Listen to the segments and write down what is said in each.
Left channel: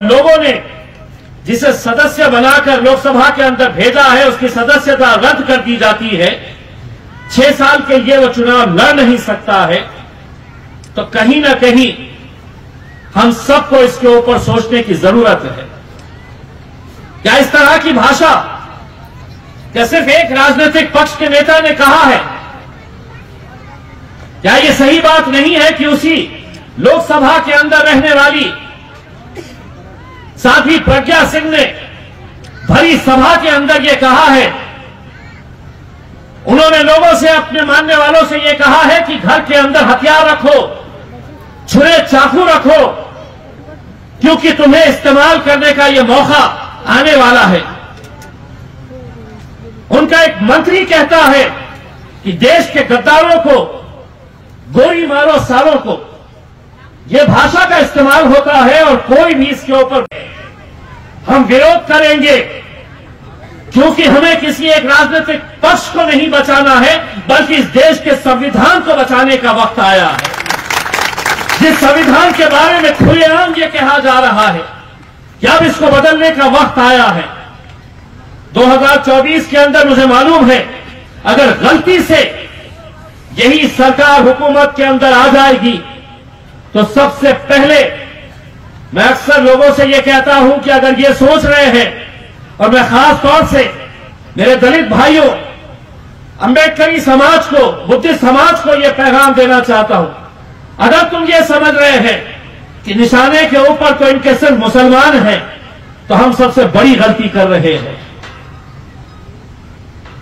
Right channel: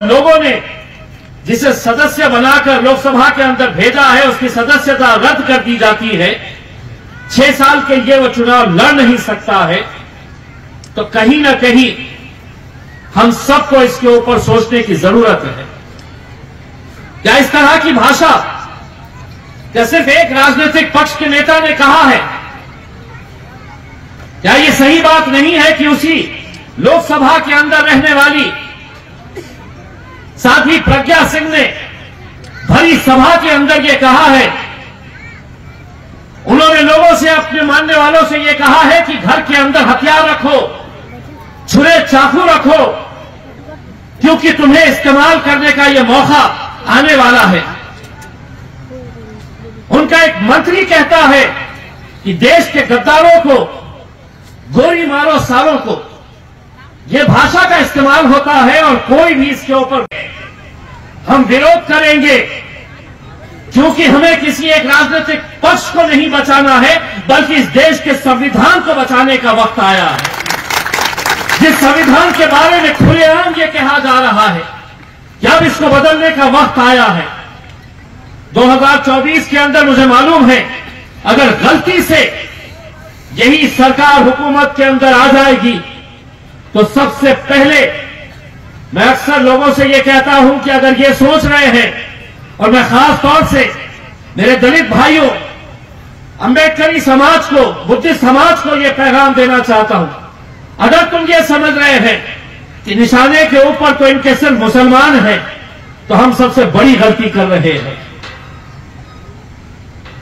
लोगों ने जिसे सदस्य बनाकर लोकसभा के अंदर भेजा है उसकी सदस्यता रद्द कर दी जाती है, 6 साल के लिए वो चुनाव लड़ नहीं सकता है, तो कहीं ना कहीं हम सबको इसके ऊपर सोचने की जरूरत है। क्या इस तरह की भाषा क्या सिर्फ एक राजनीतिक पक्ष के नेता ने कहा है? क्या ये सही बात नहीं है कि उसी लोकसभा के अंदर रहने वाली साध्वी प्रज्ञा सिंह ने भरी सभा के अंदर ये कहा है, उन्होंने लोगों से, अपने मानने वालों से ये कहा है कि घर के अंदर हथियार रखो, छुरे चाकू रखो, क्योंकि तुम्हें इस्तेमाल करने का ये मौका आने वाला है। उनका एक मंत्री कहता है कि देश के गद्दारों को गोली मारो सालों को, यह भाषा का इस्तेमाल होता है और कोई भी इसके ऊपर हम विरोध करेंगे, क्योंकि हमें किसी एक राजनीतिक पक्ष को नहीं बचाना है, बल्कि इस देश के संविधान को बचाने का वक्त आया है। जिस संविधान के बारे में खुलेआम ये कहा जा रहा है कि अब इसको बदलने का वक्त आया है। 2024 के अंदर मुझे मालूम है, अगर गलती से यही सरकार हुकूमत के अंदर आ जाएगी तो सबसे पहले मैं अक्सर लोगों से यह कहता हूं कि अगर ये सोच रहे हैं, और मैं खास तौर से मेरे दलित भाइयों, अंबेडकरी समाज को, बुद्धिस्ट समाज को यह पैगाम देना चाहता हूं, अगर तुम ये समझ रहे हैं कि निशाने के ऊपर तो इनके सिर्फ मुसलमान हैं, तो हम सबसे बड़ी गलती कर रहे हैं।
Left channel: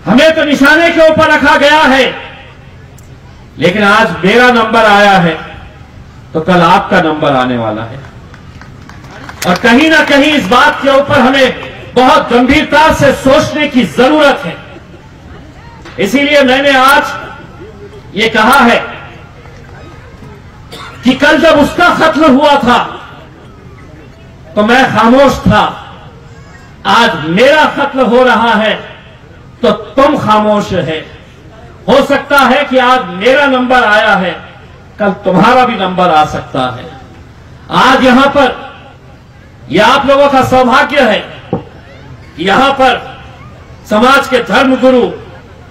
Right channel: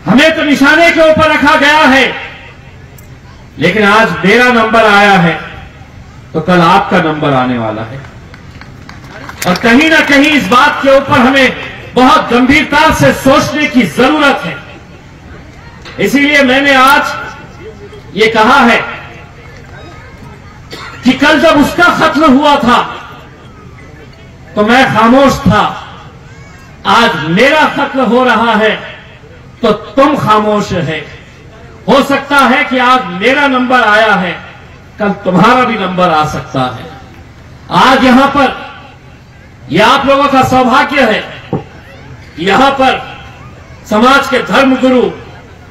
हमें तो निशाने के ऊपर रखा गया है, लेकिन आज मेरा नंबर आया है तो कल आपका नंबर आने वाला है, और कहीं ना कहीं इस बात के ऊपर हमें बहुत गंभीरता से सोचने की जरूरत है। इसीलिए मैंने आज ये कहा है कि कल जब उसका कत्ल हुआ था तो मैं खामोश था, आज मेरा कत्ल हो रहा है तो तुम खामोश है। हो सकता है कि आज मेरा नंबर आया है, कल तुम्हारा भी नंबर आ सकता है। आज यहां पर यह आप लोगों का सौभाग्य है कि यहां पर समाज के धर्मगुरु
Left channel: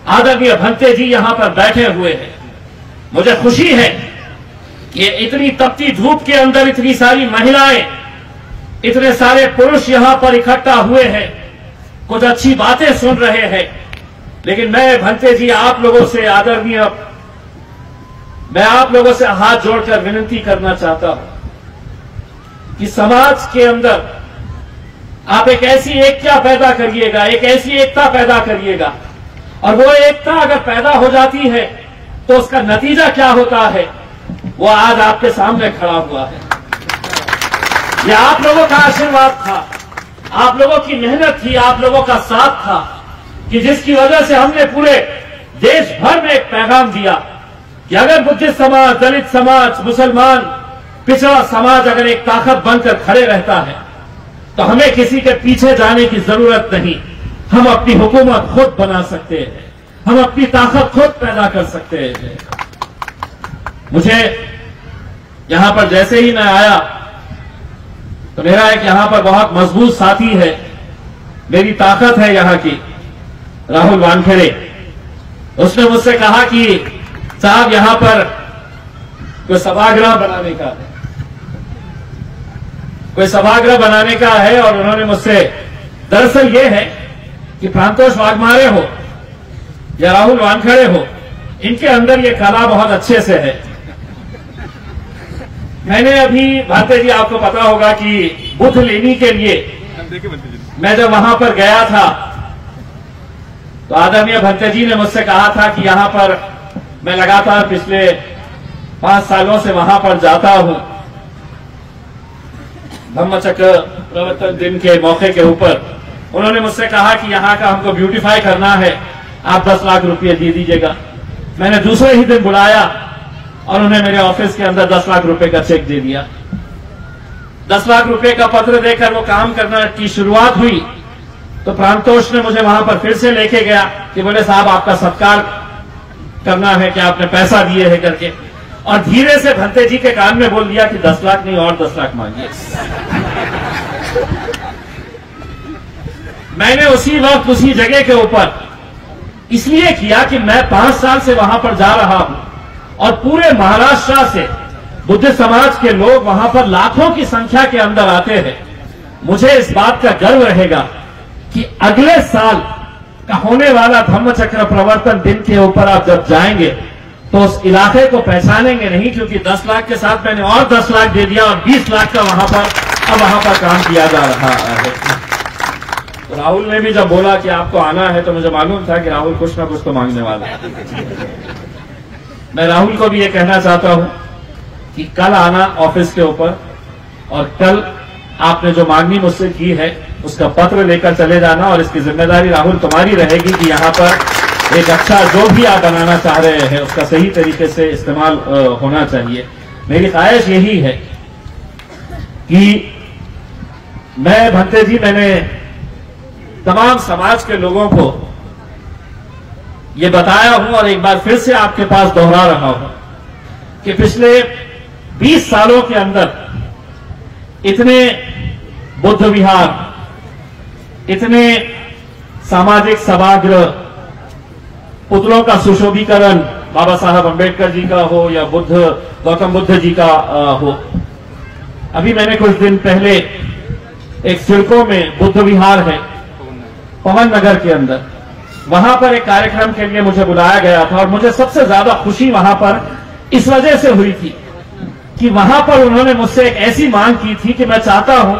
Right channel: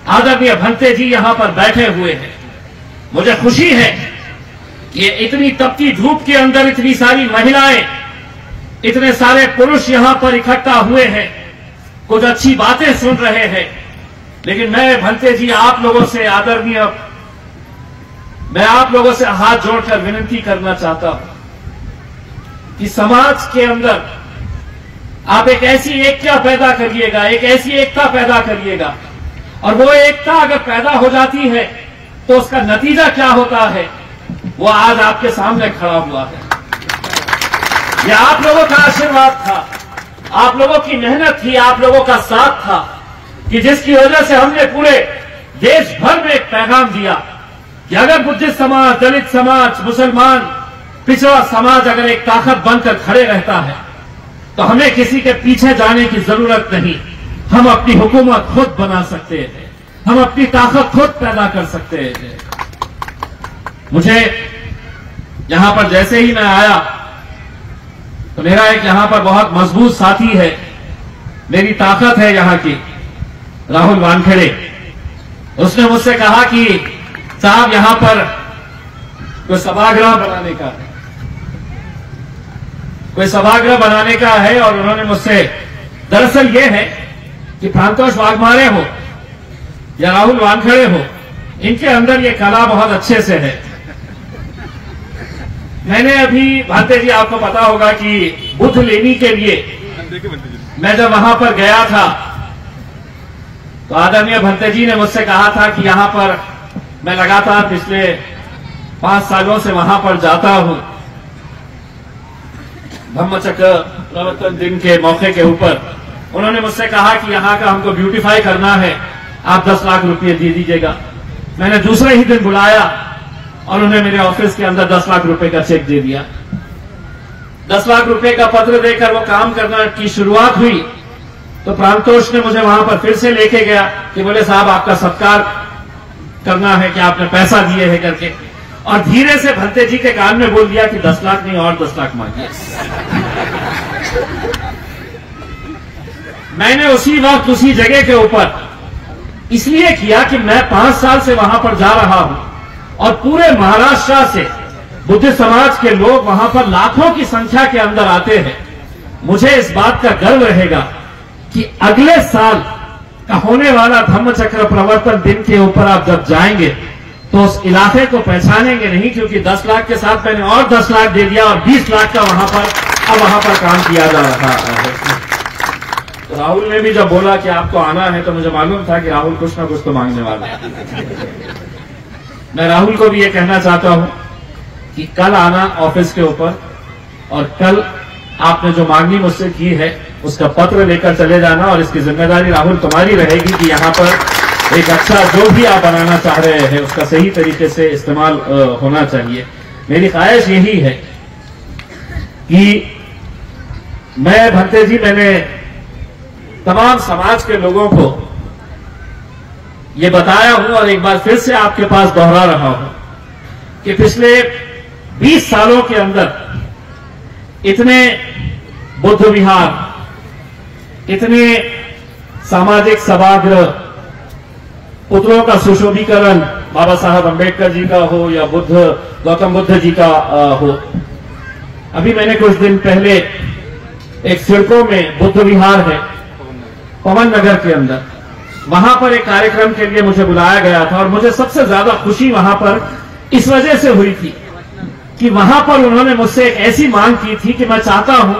आदरणीय भंते जी यहां पर बैठे हुए हैं। मुझे खुशी है कि इतनी तपती धूप के अंदर इतनी सारी महिलाएं, इतने सारे पुरुष यहां पर इकट्ठा हुए हैं, कुछ अच्छी बातें सुन रहे हैं। लेकिन मैं भंते जी आप लोगों से, आदरणीय, मैं आप लोगों से हाथ जोड़कर विनती करना चाहता हूं कि समाज के अंदर आप एक ऐसी एकता पैदा करिएगा, एक ऐसी एकता पैदा करिएगा, और वो एकता अगर पैदा हो जाती है तो उसका नतीजा क्या होता है वो आज आपके सामने खड़ा हुआ है। यह आप लोगों का आशीर्वाद था, आप लोगों की मेहनत थी, आप लोगों का साथ था, कि जिसकी वजह से हमने पूरे देश भर में एक पैगाम दिया कि अगर बुद्धिस्ट समाज, दलित समाज, मुसलमान, पिछड़ा समाज अगर एक ताकत बनकर खड़े रहता है तो हमें किसी के पीछे जाने की जरूरत नहीं। हम अपनी हुकूमत खुद बना सकते हैं, हम अपनी ताकत खुद पैदा कर सकते हैं। मुझे यहां पर जैसे ही मैं आया तो मेरा एक यहां पर बहुत मजबूत साथी है, मेरी ताकत है यहां की, राहुल वानखेड़े। उसने मुझसे कहा कि साहब यहां पर कोई सभागृह बनाने का है, कोई सभागृह बनाने का है, और उन्होंने मुझसे, दरअसल ये है कि प्रांतोष वाघमारे हो या राहुल वानखेड़े हो, इनके अंदर ये कला बहुत अच्छे से है। मैंने अभी, भाते जी आपको पता होगा कि बुद्ध लेनी के लिए मैं जब वहां पर गया था तो आदरणीय भंते जी ने मुझसे कहा था कि यहां पर मैं लगातार पिछले 5 सालों से वहां पर जाता हूं, धम्मचक्र प्रवर्तन दिन के मौके के ऊपर। उन्होंने मुझसे कहा कि यहां का हमको ब्यूटीफाई करना है, आप 10 लाख रुपये दे दीजिएगा। मैंने दूसरे ही दिन बुलाया और उन्हें मेरे ऑफिस के अंदर 10 लाख रुपए का चेक दे दिया। 10 लाख रुपए का पत्र देकर वो काम करना की शुरुआत हुई तो प्रांतोष ने मुझे वहां पर फिर से लेके गया कि बोले साहब आपका सत्कार करना है कि आपने पैसा दिए है करके, और धीरे से भंते जी के कान में बोल दिया कि 10 लाख नहीं और 10 लाख मांगिए। मैंने उसी वक्त उसी जगह के ऊपर इसलिए किया कि मैं 5 साल से वहां पर जा रहा हूं और पूरे महाराष्ट्र से बुद्ध समाज के लोग वहां पर लाखों की संख्या के अंदर आते हैं। मुझे इस बात का गर्व रहेगा कि अगले साल का होने वाला धम्मचक्र प्रवर्तन दिन के ऊपर आप जब जाएंगे तो उस इलाके को पहचानेंगे नहीं, क्योंकि 10 लाख के साथ मैंने और 10 लाख दे दिया और 20 लाख का वहां पर काम किया जा रहा है। तो राहुल ने भी जब बोला कि आपको आना है तो मुझे मालूम था कि राहुल कुछ ना कुछ तो मांगने वाला है। मैं राहुल को भी ये कहना चाहता हूं कि कल आना ऑफिस के ऊपर और कल आपने जो मांगनी मुझसे की है उसका पत्र लेकर चले जाना, और इसकी जिम्मेदारी राहुल तुम्हारी रहेगी कि यहां पर एक अच्छा जो भी आप बनाना चाह रहे हैं उसका सही तरीके से इस्तेमाल होना चाहिए। मेरी ख्वाहिश यही है कि भंते जी मैंने तमाम समाज के लोगों को ये बताया हूं और एक बार फिर से आपके पास दोहरा रहा हूं कि पिछले 20 सालों के अंदर इतने बुद्ध विहार, इतने सामाजिक सभागृह, पुतलों का सुशोभीकरण बाबा साहब अंबेडकर जी का हो या गौतम बुद्ध जी का हो। अभी मैंने कुछ दिन पहले एक सिडको में बुद्ध विहार है पवन नगर के अंदर, वहां पर एक कार्यक्रम के लिए मुझे बुलाया गया था और मुझे सबसे ज्यादा खुशी वहां पर इस वजह से हुई थी कि वहां पर उन्होंने मुझसे एक ऐसी मांग की थी कि मैं चाहता हूं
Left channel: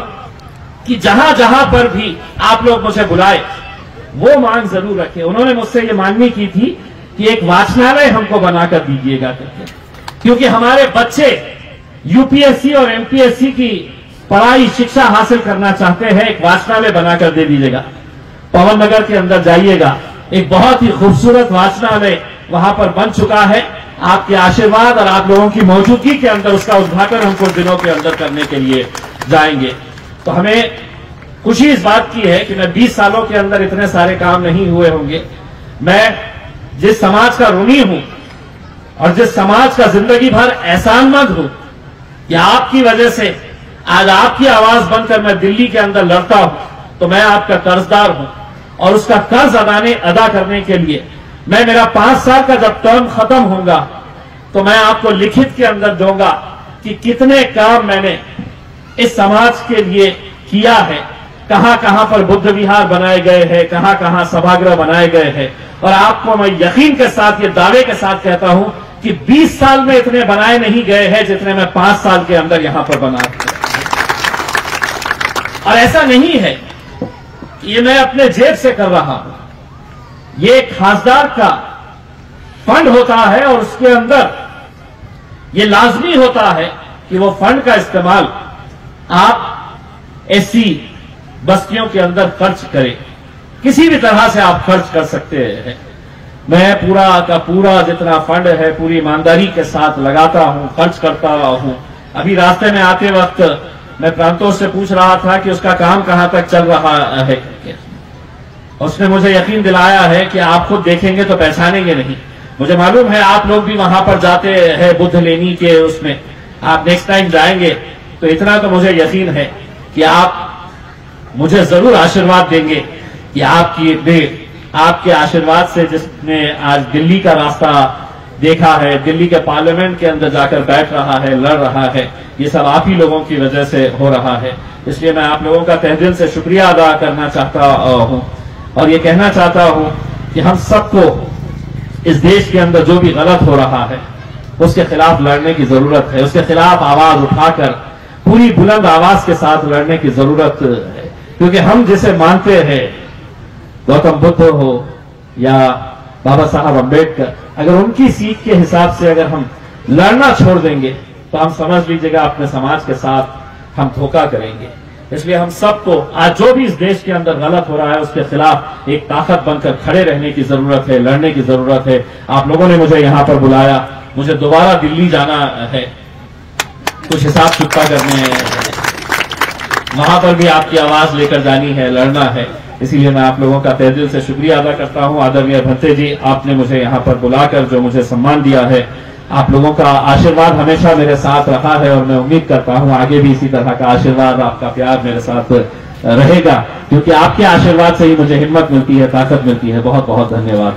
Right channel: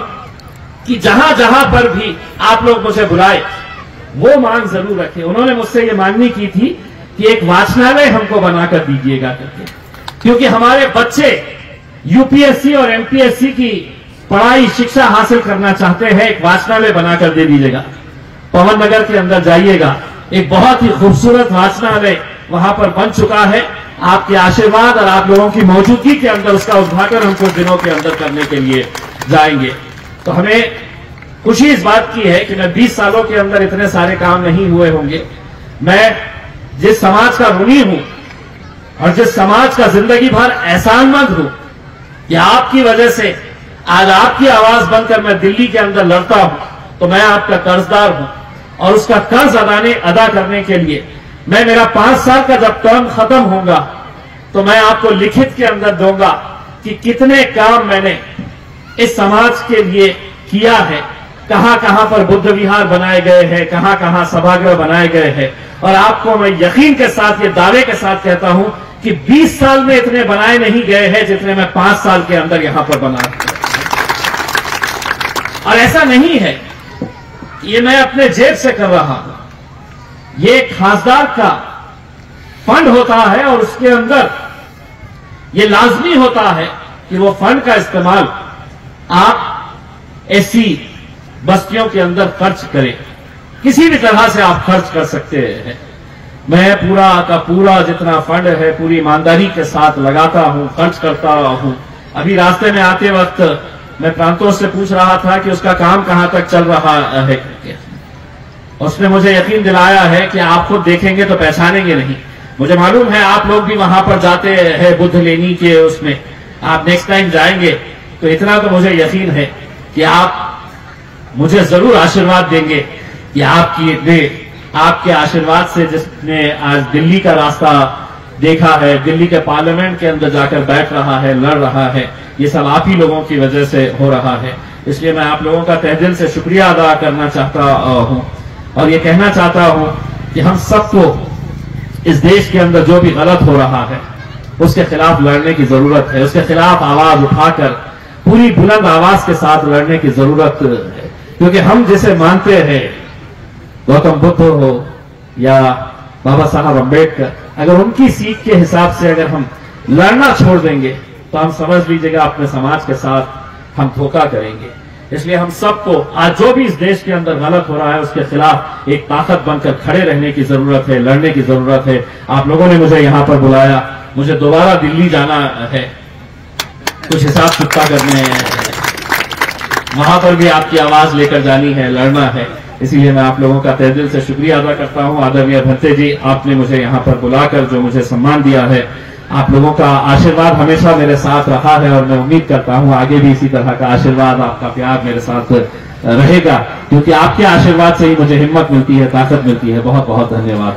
कि जहां जहां पर भी आप लोग मुझे बुलाए वो मांग जरूर रखें। उन्होंने मुझसे ये मांगनी की थी कि एक वाचनालय हमको बनाकर दीजिएगा करके, क्योंकि हमारे बच्चे यूपीएससी और एमपीएससी की पढ़ाई शिक्षा हासिल करना चाहते हैं। एक वाचनालय बनाकर दे दीजिएगा। पवन नगर के अंदर जाइएगा, एक बहुत ही खूबसूरत वाचनालय वहां पर बन चुका है। आपके आशीर्वाद और आप लोगों की मौजूदगी के अंदर उसका उद्घाटन हम कुछ दिनों के अंदर करने के लिए जाएंगे। तो हमें खुशी इस बात की है कि मैं 20 सालों के अंदर इतने सारे काम नहीं हुए होंगे। मैं जिस समाज का ऋणी हूं और जिस समाज का जिंदगी भर एहसानमंद हूं कि आपकी वजह से आज आपकी आवाज बनकर मैं दिल्ली के अंदर लड़ता हूं, तो मैं आपका कर्जदार हूं और उसका कर्ज अदा करने के लिए मैं मेरा 5 साल का जब टर्म खत्म होगा तो मैं आपको लिखित के अंदर दूंगा कि कितने काम मैंने इस समाज के लिए किया है, कहां कहां पर बुद्ध विहार बनाए गए हैं, कहां कहां सभागृह बनाए गए हैं। और आपको मैं यकीन के साथ ये दावे के साथ कहता हूं कि 20 साल में इतने बनाए नहीं गए हैं जितने मैं 5 साल के अंदर यहां पर बना। और ऐसा नहीं है ये मैं अपने जेब से कर रहा हूं, ये खासदार का फंड होता है और उसके अंदर ये लाजमी होता है कि वो फंड का इस्तेमाल आप ऐसी बस्तियों के अंदर खर्च करें। किसी भी तरह से आप खर्च कर सकते हैं। मैं पूरा का पूरा जितना फंड है पूरी ईमानदारी के साथ लगाता हूं, खर्च करता हूं। अभी रास्ते में आते वक्त मैं प्रांतों से पूछ रहा था कि उसका काम कहां तक चल रहा है। उसने मुझे यकीन दिलाया है कि आप खुद देखेंगे तो पहचानेंगे नहीं। मुझे मालूम है आप लोग भी वहां पर जाते हैं बुद्ध लेनी के उसमें, आप नेक्स्ट टाइम जाएंगे तो इतना तो मुझे यकीन है कि आप मुझे जरूर आशीर्वाद देंगे कि आपके आशीर्वाद से जिसने आज दिल्ली का रास्ता देखा है, दिल्ली के पार्लियामेंट के अंदर जाकर बैठ रहा है, लड़ रहा है, ये सब आप ही लोगों की वजह से हो रहा है। इसलिए मैं आप लोगों का तहे दिल से शुक्रिया अदा करना चाहता हूं और ये कहना चाहता हूं कि हम सबको इस देश के अंदर जो भी गलत हो रहा है उसके खिलाफ लड़ने की जरूरत है। उसके खिलाफ आवाज उठाकर पूरी बुलंद आवाज के साथ लड़ने की जरूरत है, क्योंकि हम जिसे मानते हैं, गौतम बुद्ध हो या बाबा साहब अंबेडकर, अगर उनकी सीख के हिसाब से अगर हम लड़ना छोड़ देंगे तो हम समझ लीजिएगा अपने समाज के साथ हम धोखा करेंगे। इसलिए हम सबको आज जो भी इस देश के अंदर गलत हो रहा है उसके खिलाफ एक ताकत बनकर खड़े रहने की जरूरत है, लड़ने की जरूरत है। आप लोगों ने मुझे यहां पर बुलाया, मुझे दोबारा दिल्ली जाना है, कुछ हिसाब किताब करने हैं, वहां पर भी आपकी आवाज लेकर जानी है, लड़ना है। इसीलिए मैं आप लोगों का तहे दिल से शुक्रिया अदा करता हूं। आदरणीय भंते जी, आपने मुझे यहां पर बुलाकर जो मुझे सम्मान दिया है आप लोगों का आशीर्वाद हमेशा मेरे साथ रहा है और मैं उम्मीद करता हूं आगे भी इसी तरह का आशीर्वाद, आपका प्यार मेरे साथ रहेगा, क्योंकि आपके आशीर्वाद से ही मुझे हिम्मत मिलती है, ताकत मिलती है। बहुत बहुत धन्यवाद।